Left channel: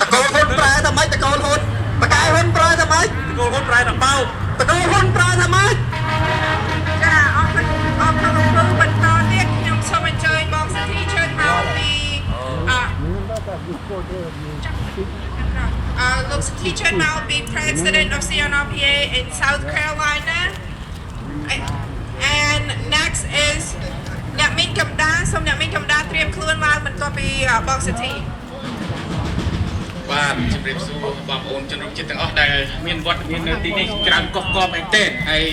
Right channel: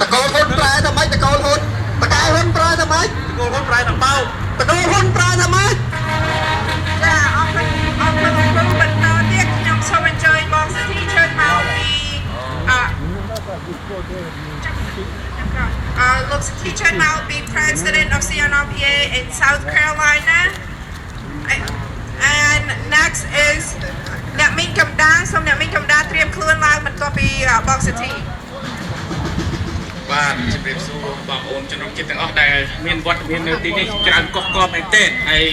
ตะโกนคนปลายทำไมตะโกนคนตะกายคนปลายทำไมตะโกนคนปลายทำเป้าตะโกนคนปลายทำไมจ้าออกคนบรรดาเรียกยงสมัยเจยบอกสถีเชิญมาปีlook teacher now be president of CNRPA in South Carolina and next is អ្នកមីងកំដាសូមអ្នកមីងកំដាត្រៀមខ្លួនឡើងបន្ទាប់ពីបងសិទ្ធិបាទជំរាបសួរបងប្អូនជនរួមជាតិទាំងអស់ដែលមានវត្តមាននៅទីនេះច្រើនកុះកបមែនទែនហើយ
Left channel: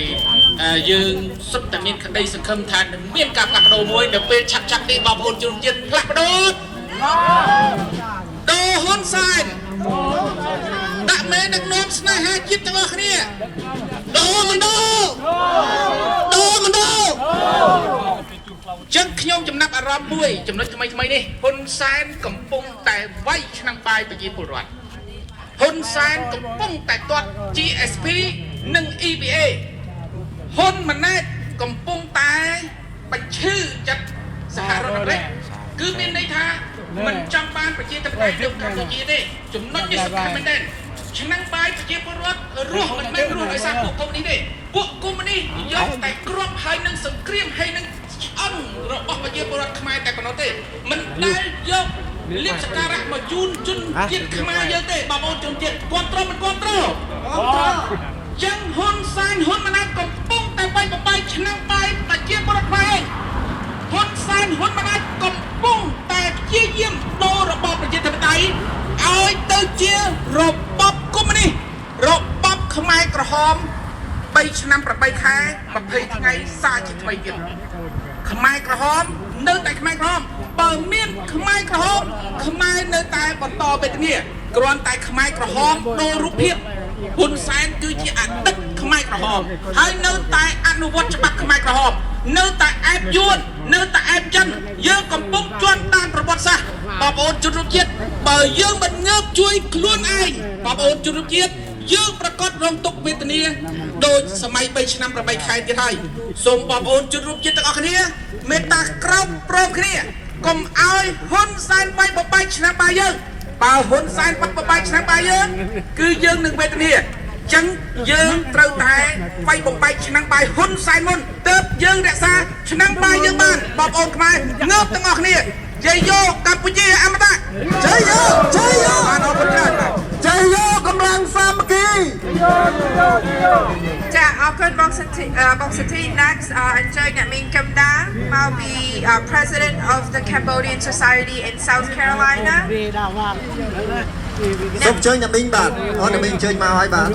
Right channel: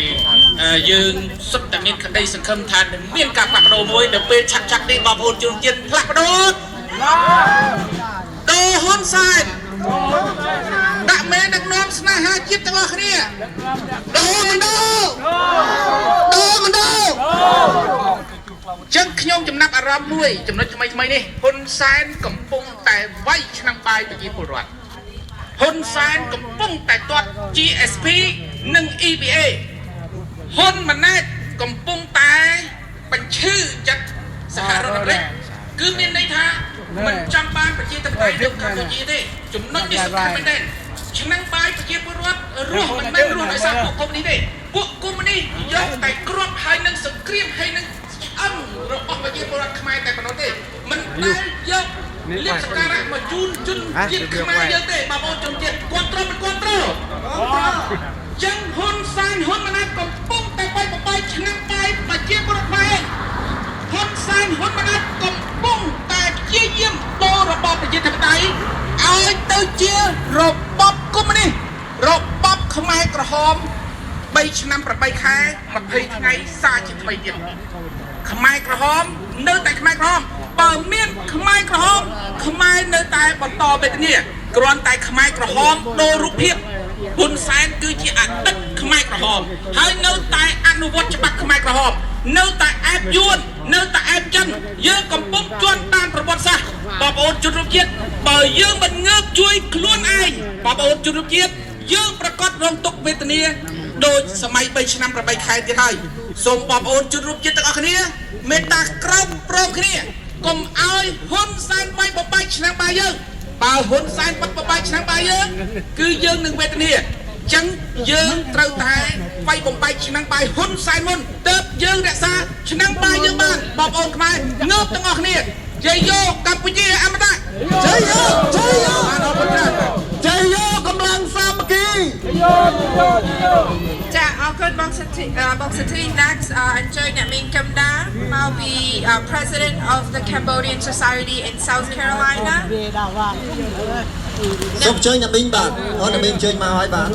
យើងសុទ្ធតែមានក្តីសង្ឃឹមថានឹងមានការផ្លាស់ប្ដូរមួយនៅពេលឆាប់នេះបងប្អូនជនរួមជាតិផ្លាស់ប្ដូរដូហ៊ុនសែនដាក់មេដឹកនាំស្នេហាជាតិទាំងអស់គ្នាដូមិនដូចឹងខ្ញុំចំណាប់អារម្មណ៍មួយចំណុចថ្មីនេះហ៊ុនសែនកំពុងតែវាយឆ្នាំបាយប្រជាពលរដ្ឋហ៊ុនសែនកំពុងតែទាត់ GSP និង EBA ហ៊ុនម៉ាណែតកំពុងតែបញ្ឈឺចិត្តសហរដ្ឋអាមេរិកគឺមានន័យថាមិនចង់បានប្រជាធិបតេយ្យនៅកម្ពុជាទេចំណុចនេះសំខាន់មែនទេឆ្នាំបាយប្រជាពលរដ្ឋរស់មិនមែនរស់ដោយសារពួកកុម្មុយនីសទេពួកកុម្មុយនីសយកតែគ្រាប់ហើយនឹងសង្គ្រាមហើយនឹងអង្គរបស់ប្រជាពលរដ្ឋខ្មែរតែប៉ុណ្ណោះទេមិនដែលយកលៀបសក្ការៈមកជូនជនជាតិខ្មែរយើងទេបងប្អូនជនជាតិគ្រប់គ្រងមិនគ្រប់គ្រងចឹងហ៊ុនសែនហ៊ុនម៉ាណែតកំពុងតែបែកបបាយឆ្នាំបាយប្រជាពលរដ្ឋខ្មែរហ៊ុនសែនហ៊ុនម៉ាណែតកំពុងតែព្យាយាមដូររបបប្រជាធិបតេយ្យឲ្យទៅជារបបកុម្មុយនីសរបបខ្មែរក្រហម3ឆ្នាំ8ខែ20ថ្ងៃសារជាថ្មីទៀតខ្មែរក្រហមនៅតែខ្មែរក្រហមបើមានខ្មែរក្រហមខ្មែរនៅតែបន្តវេទនាគ្រាន់តែខ្មែរក្រហមដូររូបភាពហ៊ុនសែនគឺជាអតីតខ្មែរក្រហមហើយនៅតែអនុវត្តច្បាប់ខ្មែរក្រហមនៅតែអែបយួននៅតែអែបចិនយើងកំពុងជន់តាមប្រវត្តិសាស្ត្របងប្អូនជនរួមជាតិបើយើងមិនងើបជួយខ្លួនឯងបងប្អូនជនរួមជាតិយើងប្រកាសរងទុក្ខវេទនាដោយសម័យ3ឆ្នាំ8ខែទៀតហើយសូមបងប្អូនជនរួមជាតិទាំងអស់គ្នាមេត្តាក្រោបប្រងគ្នាកុំឲ្យហ៊ុនសែនបាយបបាយឆ្នាំបាយយើងបើហ៊ុនសែនបាត់បបាយឆ្នាំបាយយើងគឺយើងនឹងវេទនាចឹងយើងត្រូវតែវាយបំបែកឆ្នាំបាយហ៊ុនសែនមុនទើបយើងរក្សាឆ្នាំបាយយើងបានបងប្អូនខ្មែរងើបទាំងអស់គ្នាជ័យយោកម្ពុជាអមតៈជ័យយោអានអរគុណច្រើនជ័យយោកម្លាំងសាមគ្គីចាអរគុណបងសិទ្ធិ next អញ្ជើញអ្នកមីងកំដាមកពី president of the Cambodian Society in South Carolina សូមអញ្ជើញអ្នកមីងបាទអូនអ្នកមីងអញ្ជើញមកហើយបាទ